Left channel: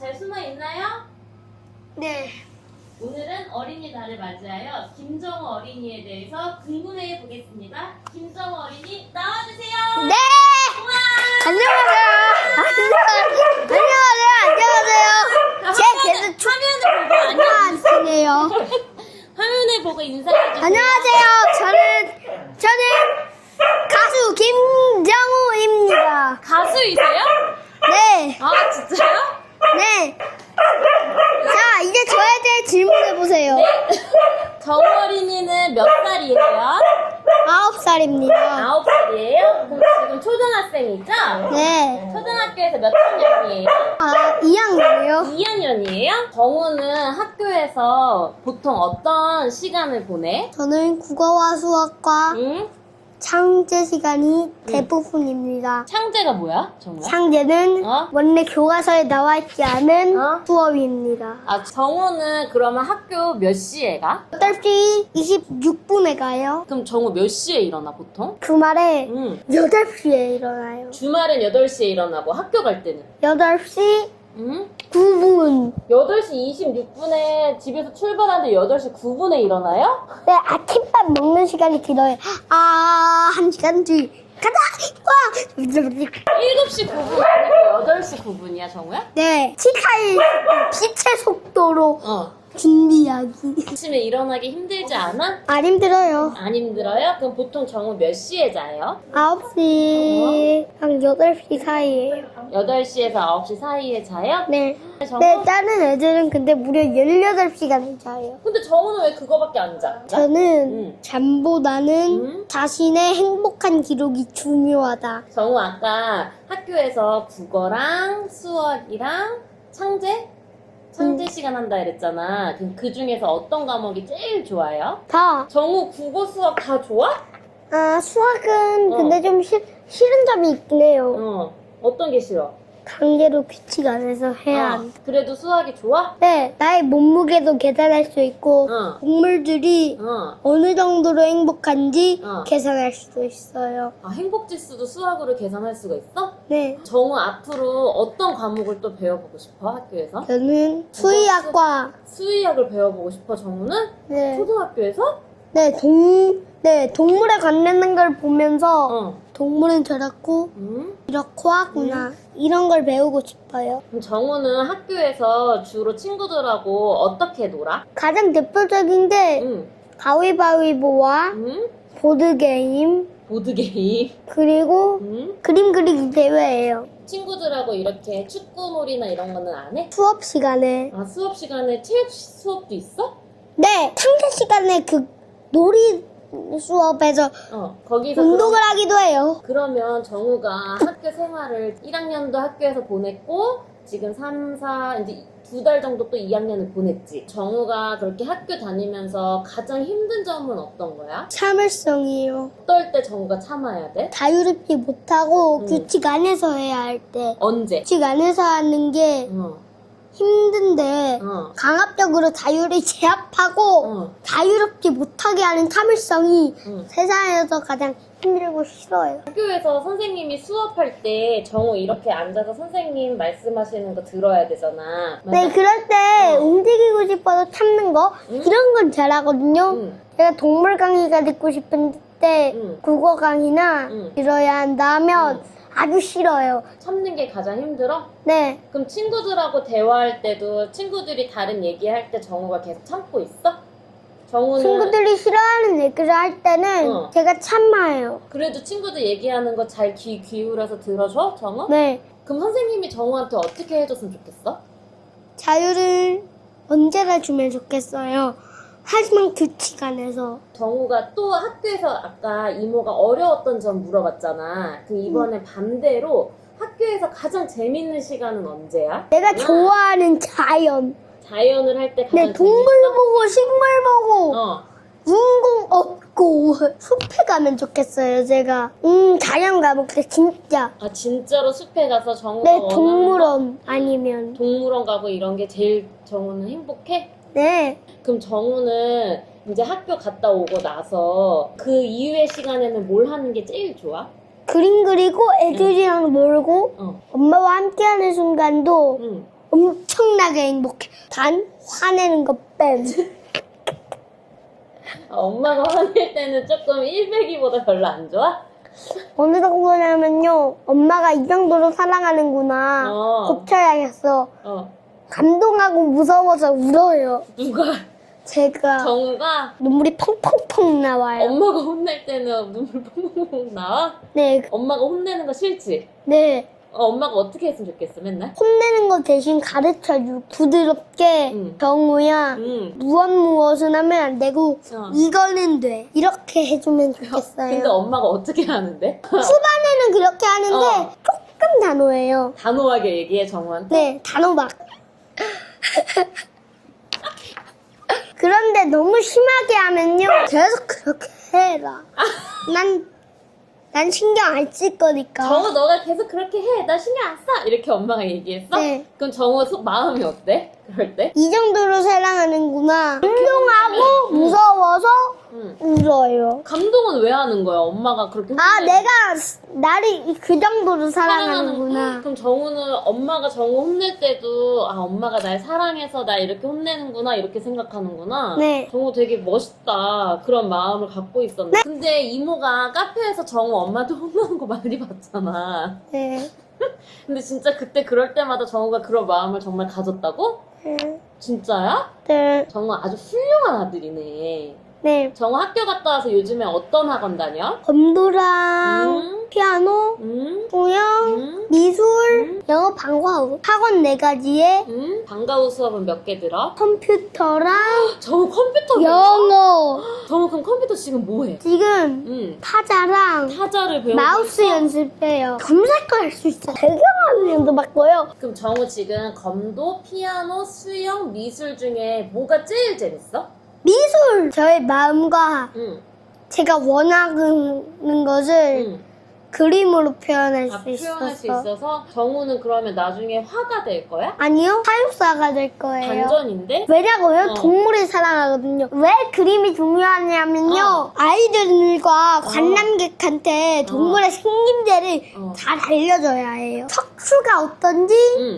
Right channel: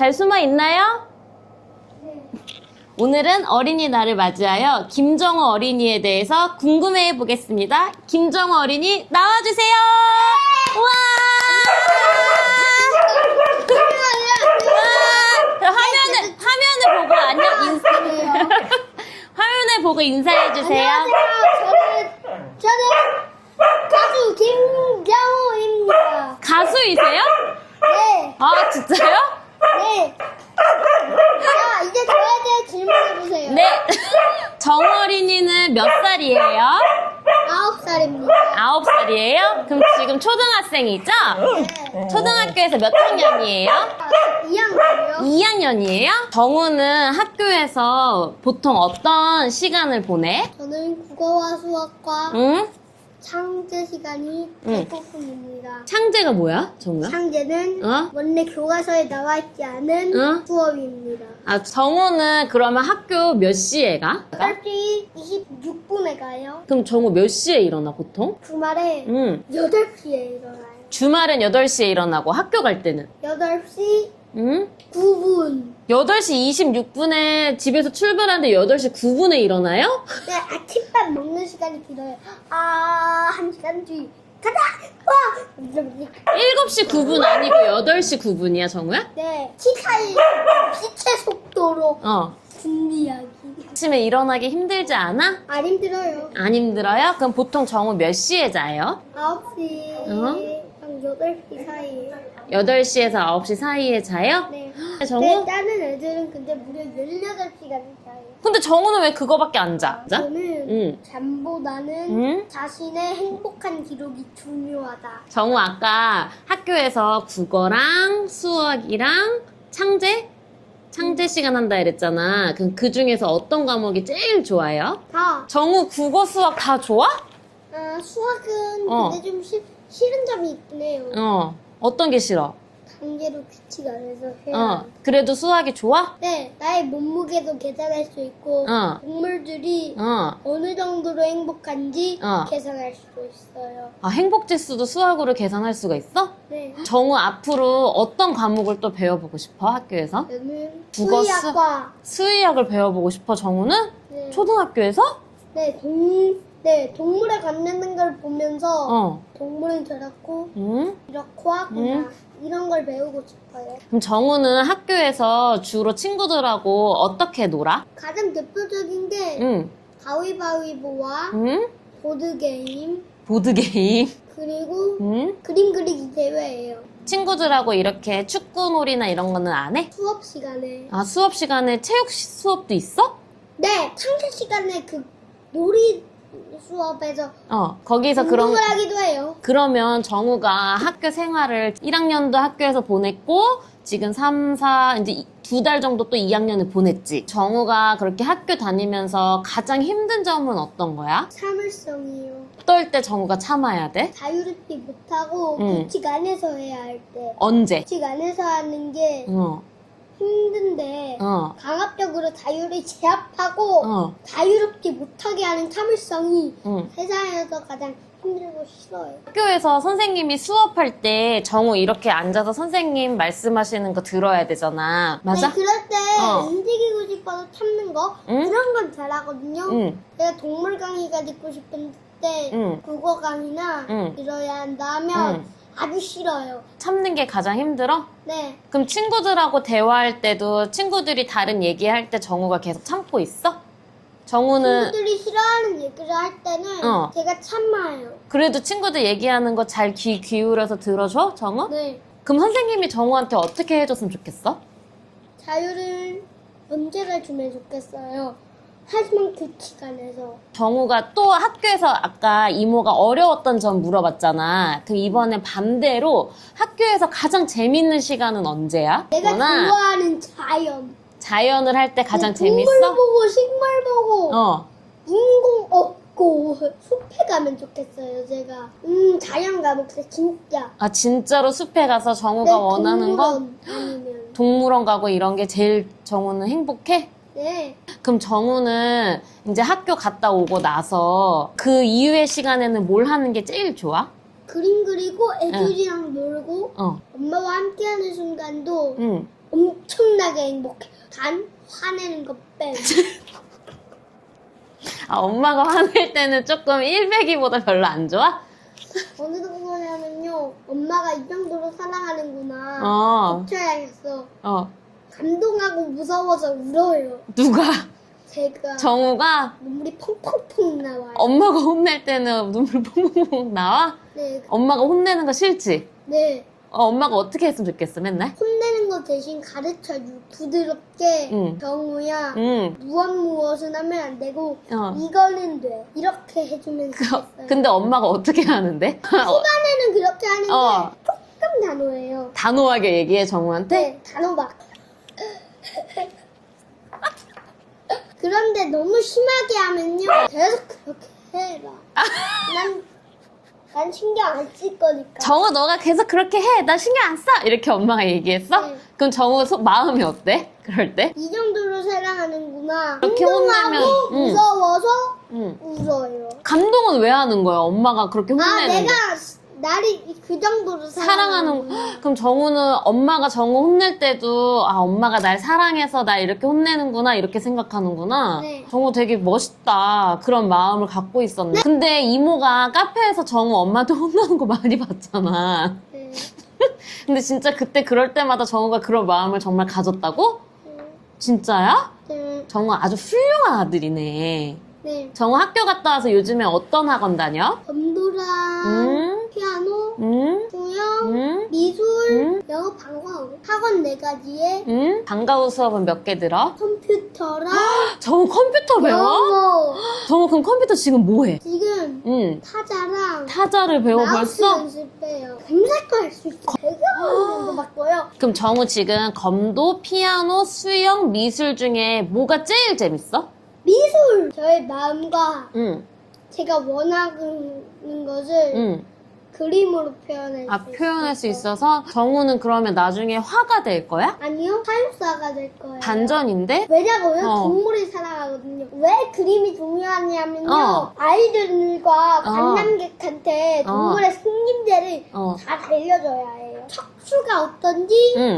잘 숨어 있나요? 네. 오늘은 어린이날을 맞이하여 김정우 어린이에 대해서 궁금해 보겠습니다. 김정우 어린이 나와주세요. 네. 우와. 안녕하세요. 화면을 보고 안녕. 안녕하세요. 화면을 보고 인사해 주세요. 안녕하세요. 저는 가수 김정우입니다. 가수이세요? 네. 아 진짜요? 네. 자, 이제 저에 대해 질문해 보세요. 네. 정우 어린이는 몇 살이에요? 9살입니다. 9살이에요? 그럼 지금 초등학생이죠? 네. 초등학교에서 몇 학년이에요? 2학년이요. 2학년이에요? 정우는 학교에서 보통 어떤 시간을 보내? 저는 국어와 수학과 응? 창제 시간이 대부분입니다. 창제가 뭐야, 정우야? 창제는 어? 원래 교과서에 나와 있지 않은 어? 수업입니다. 아, 정우는 그러면 학교 몇 시에 가? 8시 26분에 가요. 그럼 정우 몇 시에 일어나, 보통? 주말에 응. 8시에 일어나요. 주말엔 8시에 일어나고 학교 갈 때는? 8시 응? 9분. 8시 26분에 집에서 출발하는데 8시 9분에 일어나요? 네, 아침밥 먹는 시간이 길어요. 1시간 뒤. 가자! 와! 7시 9분 아니고 8시 9분이야, 정우야? 네, 빛의 속도로 어. 준비하기. 아침에 일어나기 힘들지 않아? 안 힘들어요. 안 힘들어요? 그럼 보통 정우 몇 시에 자요? 9시, 한 8시 사이에요. 8시에서 9시 사이에 자요? 네. 정우? 네, 다른 애들은 근데 무려 18시간을 자요. 근데 정우는 왜 그거밖에 안 자? 저는 잠보다는 응? 자신의 행복한 기록이 중요하다. 정우 아까 학교에서 국어랑 수학이랑 창제 시간 한다 이랬잖아. 그럼 그 중에서 어떤 과목이 제일 좋아요? 다. 정우 국어 수학 다 좋아? 수학은 어. 근데 좀 싫은 점이 있긴 해요. 어떤 게 싫어? 강제로 규칙 안에서 해야 한다. 그래도 수학이 좋아? 네, 나의 몸무게도 계산할 수 있고 어. 동물들이 어느 정도로 행복한지 어. 계산할 수도 있어요. 아, 행복 지수도 수학으로 계산할 수가 있어? 네, 정우 앞으로 어떤 과목을 또 배워보고 싶어, 학교에서? 저는 국어, 수의학과 수의학을 배워보고 싶어, 정우는? 네, 초등학교에서? 동물에 관련된 걸 보면서 동물은 저렇고 응? 이렇고 하구나 이런 걸 배우고 싶어요. 그럼 정우는 학교에서 주로 친구들하고 어떻게 놀아? 가장 대표적인 게 응. 가위바위보와 응? 보드게임 보드게임. 그리고 응? 그림 그리기 대회예요. 친구들하고 이렇게 축구놀이나 이런 거는 안 해? 수업 시간에 아, 수업 시간에 체육 수업도 있어? 네, 창제 시간에 그 놀이 수업에서 거기서 운동을 하기도 해요. 그러면 정우가 학교 생활을 1학년도 학교에서 보냈고 지금 3, 4 이제 2달 정도 또 2학년을 보냈지. 정우가 그렇게 학교 다니면서 가장 힘든 점은 어떤 거야? 참을성이에요. 어떨 때 정우가 참아야 돼? 자유롭지 못하고 응. 규칙 안에서 해야 할 때. 언제? 규칙 안에서 하는 게 힘든데 강압적으로 자유를 제압하고 자유롭지 못하게 하는 참을성이 세상에서 가장 힘들고 싫어요. 학교에서 선생님이 수업할 때 정우 이렇게 앉아서 선생님 말씀하시는 거 들어야 되잖아. 맞아? 네, 그럴 때 움직이고 싶어서 참는 거 이런 건 잘하거든요. 제가 동물 강의가 듣고 싶은 때 국어 강의나 들어야 한다 하면 아주 싫어요. 참는 게 가장 힘들어? 네. 그럼 친구들하고 대화할 때도 친구들이 다른 얘기할 때 정우가 계속 참고 있어? 정우는 친구들이 싫어하는 얘기를 할 때는 제가 참아요. 그래도 친구들 얘기하는 거 잘 귀 기울여서 들어줘, 정우? 네. 그럼 선생님이 정우한테 어떻게 해줬으면 좋겠어? 자유를 언제나 주면 좋겠어요. 하지만 규칙 안에서. 정우가 또 학교에서 아까 이모가 어려웠던 점 물어봤잖아. 그럼 이번에 반대로 학교에서 가장 재밌는 시간은 언제야? 내가 너나 좋아하는 자연. 자연을 할 때 가장 동물 재밌어? 보고 식물 보고 어. 인공 없고 숲에 가면 좋겠어요. 제가 자연 가볼 때 진짜. 아 진짜로 숲에 가서 정우가 네, 원하는 거? 동물원 아니면. 동물원 가고 이런 게 제일 정우는 행복해? 네. 그럼 정우는 이제 학교 갔다 오고 나서 그 이후의 시간에는 뭘 하는 게 제일 좋아? 그림 그리고 애들이랑 놀고 엄마와 함께하는 순간도 응. 엄청 신기하게 행복해. 단 화내는 거 뺨. 아, 엄마가 화낼 때는 조금 100이보다 별로 안 좋아? 어느 정도냐면요. 엄마가 이 정도로 사랑하는구나. 고쳐야겠어. 감동하고 무서워서 울어요. 누가? 제가. 정우가? 눈물이 펑펑펑 나와요. 엄마가 혼낼 때는 눈물 펑펑펑 나와? 네. 엄마가 혼내는 거 싫지? 네. 엄마가 어떻게 했으면 좋겠어, 맨날? 혼내는 거 대신 가르쳐주고 부드럽게 정우야 무엇은 하면 안 되고 이거는 돼. 이렇게 해주면 좋겠어요. 근데 엄마가 어떻게 하는데? 초반에는 그렇게 하는데 조금 단호해요. 단호하게 얘기해, 정우한테? 네, 단호박. 그런데 너무 심하게 하면요. 계속 그렇게 해라. 난 신경 안 쓸 거니까. 정우 너가 계속 그렇게 해. 나 신경 안 써. 이렇게 엄마가 얘기했어? 네. 그럼 정우 마음이 어때? 그럴 때? 이 정도로 사랑하는구나. 이렇게 감동하고 혼내면, 무서워서 울어요. 감동은 왜 하는 거야? 엄마가 그렇게 아, 혼내는데. 내가 나를 그 정도로 사랑하는구나. 그럼 정우는 엄마가 정우 혼낼 때도 아 엄마가 날 사랑해서 날 이렇게 혼내는구나 이렇게 생각하는구나. 네. 정우 되게 멋있다. 그런 마음을 갖고 있었네. 네. 근데 이모가 카페에서 정우 엄마한테 혼나는 거 많이 봤잖아. 네. 근데 진짜 그때 그럴 때마다 정우가 그런 마음을 정말 가졌다고? 네. 진짜야? 네. 정우 아주 훌륭한 아들이네. 네. 정우 학교 갔다 와서 요즘에 어떤 학원 다녀? 검도랑 피아노, 수영, 미술, 영어, 방과후 학원 4가지에 방과후 수업은 몇 개 들어? 컴퓨터랑 정우 컴퓨터 배워? 영어. 정우 그럼 컴퓨터 지금 뭐해? 지금 타자랑 타자를 배워 마우스 벌써? 연습해요. 검색도 할 수 있어. 되게 많은 정도 바꿔요. 그럼 정우 지금 검도, 피아노, 수영, 미술 중에 뭐가 제일 재밌어? 미술! 저의 마음과 응. 제가 원하는 것을 그림으로 표현할 아, 수 있어서. 표현할 수 있어서 정우는 그러면 나중에 화가 될 거야? 아니요. 사육사가 될 거예요. 반전인데? 왜냐고요? 동물을 사랑하거든요. 왜 그림이 중요하냐면요. 어. 아이들과 관람객한테 동물의 생김새를 잘 알려줘야 해요. 척추가 어떤지,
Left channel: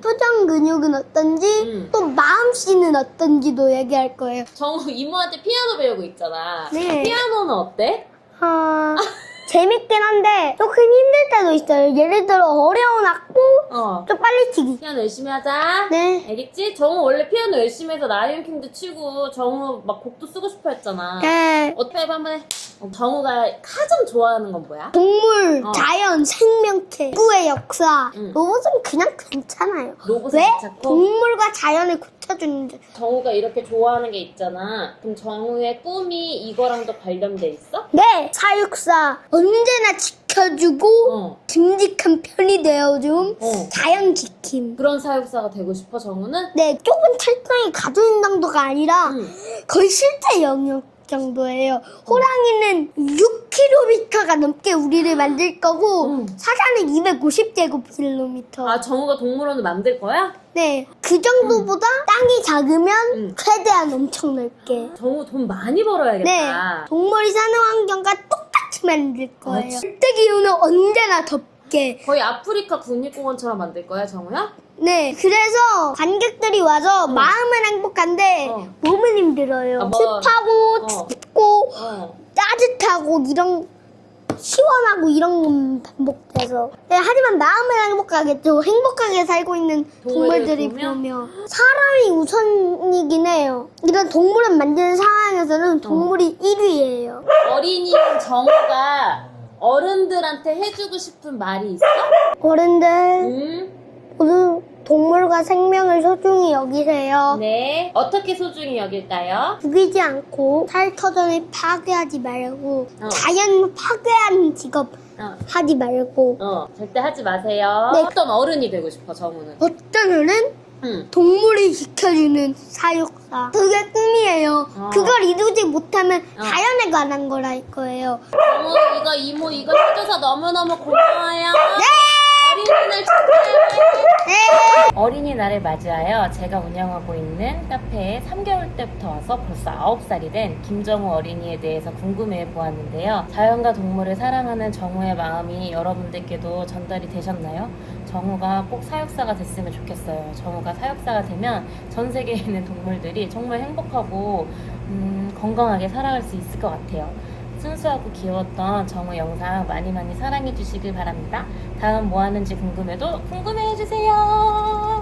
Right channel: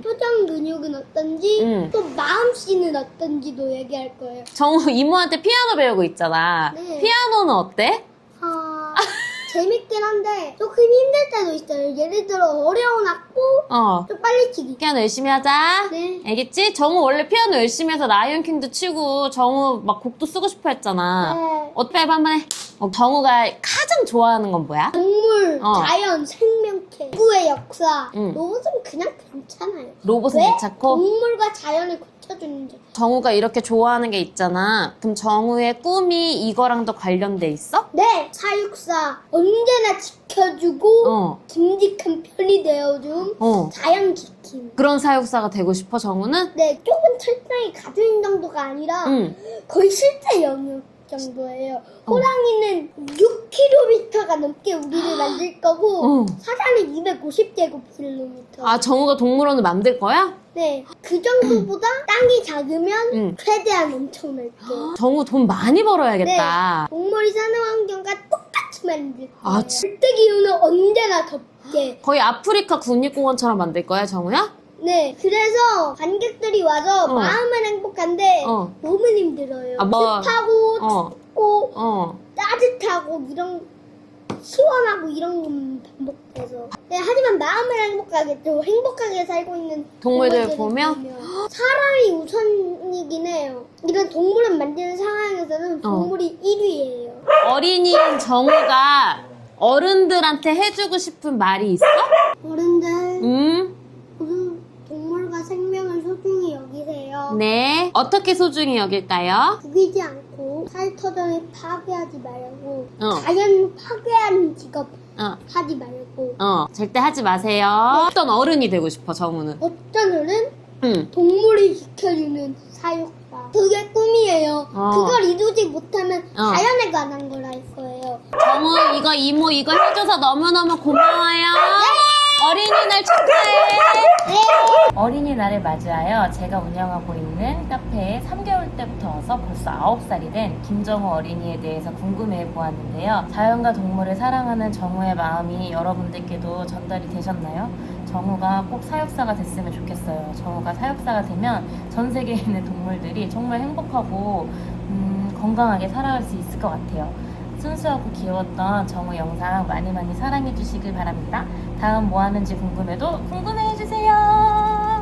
표정 근육은 어떤지, 또 마음씨는 어떤지도 얘기할 거예요. 정우 이모한테 피아노 배우고 있잖아. 네. 피아노는 어때? 재밌긴 한데 조금 힘들 때도 있어요. 예를 들어 어려운 악보 좀 빨리 치기. 피아노 열심히 하자. 네. 알겠지? 정우 원래 피아노 열심히 해서 라이온킹도 치고 정우 막 곡도 쓰고 싶어 했잖아. 네. 어떻게 해봐 한번 해. 정우가 가장 좋아하는 건 뭐야? 동물, 자연, 생명체, 지구의 역사. 로봇은 그냥 괜찮아요. 로봇은 왜? 괜찮고? 동물과 자연을 고쳐주는데. 정우가 이렇게 좋아하는 게 있잖아. 그럼 정우의 꿈이 이거랑도 관련돼 있어? 네, 사육사 언제나 지켜주고 듬직한 편이 되어줌. 자연 지킴. 그런 사육사가 되고 싶어 정우는? 네, 좁은 철장의 가두인 정도가 아니라 거의 실제 영역 정도예요. 호랑이는 6km가 넘게 우리를 만들 거고 사자는 250제곱킬로미터. 아 정우가 동물원을 만들 거야? 네, 그 정도보다 땅이 작으면 최대한 엄청 넓게. 정우 돈 많이 네, 벌어야겠다. 동물이 사는 환경과 똑같이 만들 거예요. 아, 절대 기온은 언제나 덥게. 거의 아프리카 국립공원처럼 만들 거야 정우야? 네, 그래서 관객들이 와서 마음은 행복한데 몸은 힘들어요. 아, 뭐, 습하고 춥고 따뜻하고 이런 시원하고 이런 건 반복돼서. 네, 하지만 마음은 행복하겠죠. 행복하게 살고 있는 동물들을 동물들이 보면? 보면 사람이 우선이긴 해요. 이런 동물을 만드는 상황에서는 동물이 1위예요. 어린이인 정우가 어른들한테 해주고 싶은 말이 있어? 어른들 모두 동물과 생명을 소중히 여기세요. 네. 어떻게 소중히 여길까요? 죽이지 않고 살터전을 파괴하지 말고 자연 파괴하는 직업 하지 말고. 절대 하지 마세요. 네. 어떤 어른이 되고 싶어 정우는? 어떤 어른? 동물을 지켜주는 사육사. 그게 꿈이에요. 그걸 이루지 못하면 자연에 관한 거랄 거예요. 정우 이거 이모 이거 해줘서 너무너무 고마워요. 네. 어린이날 축하해. 네. 어린이날을 맞이하여 제가 운영하고 있는 카페에 3개월 때부터 와서 벌써 9살이 된 김정우 어린이에 대해서 궁금해 보았는데요. 자연과 동물을 사랑하는 정우의 마음이 여러분들께도 전달이 되셨나요? 정우가 꼭 사육사가 됐으면 좋겠어요. 정우가 사육사가 되면 전 세계에 있는 동물들이 정말 행복하고 건강하게 살아갈 수 있을 것 같아요. 순수하고 귀여웠던 정우 영상 많이 많이 사랑해 주시길 바랍니다. 다음 뭐 하는지 궁금해도 궁금해 해주세요.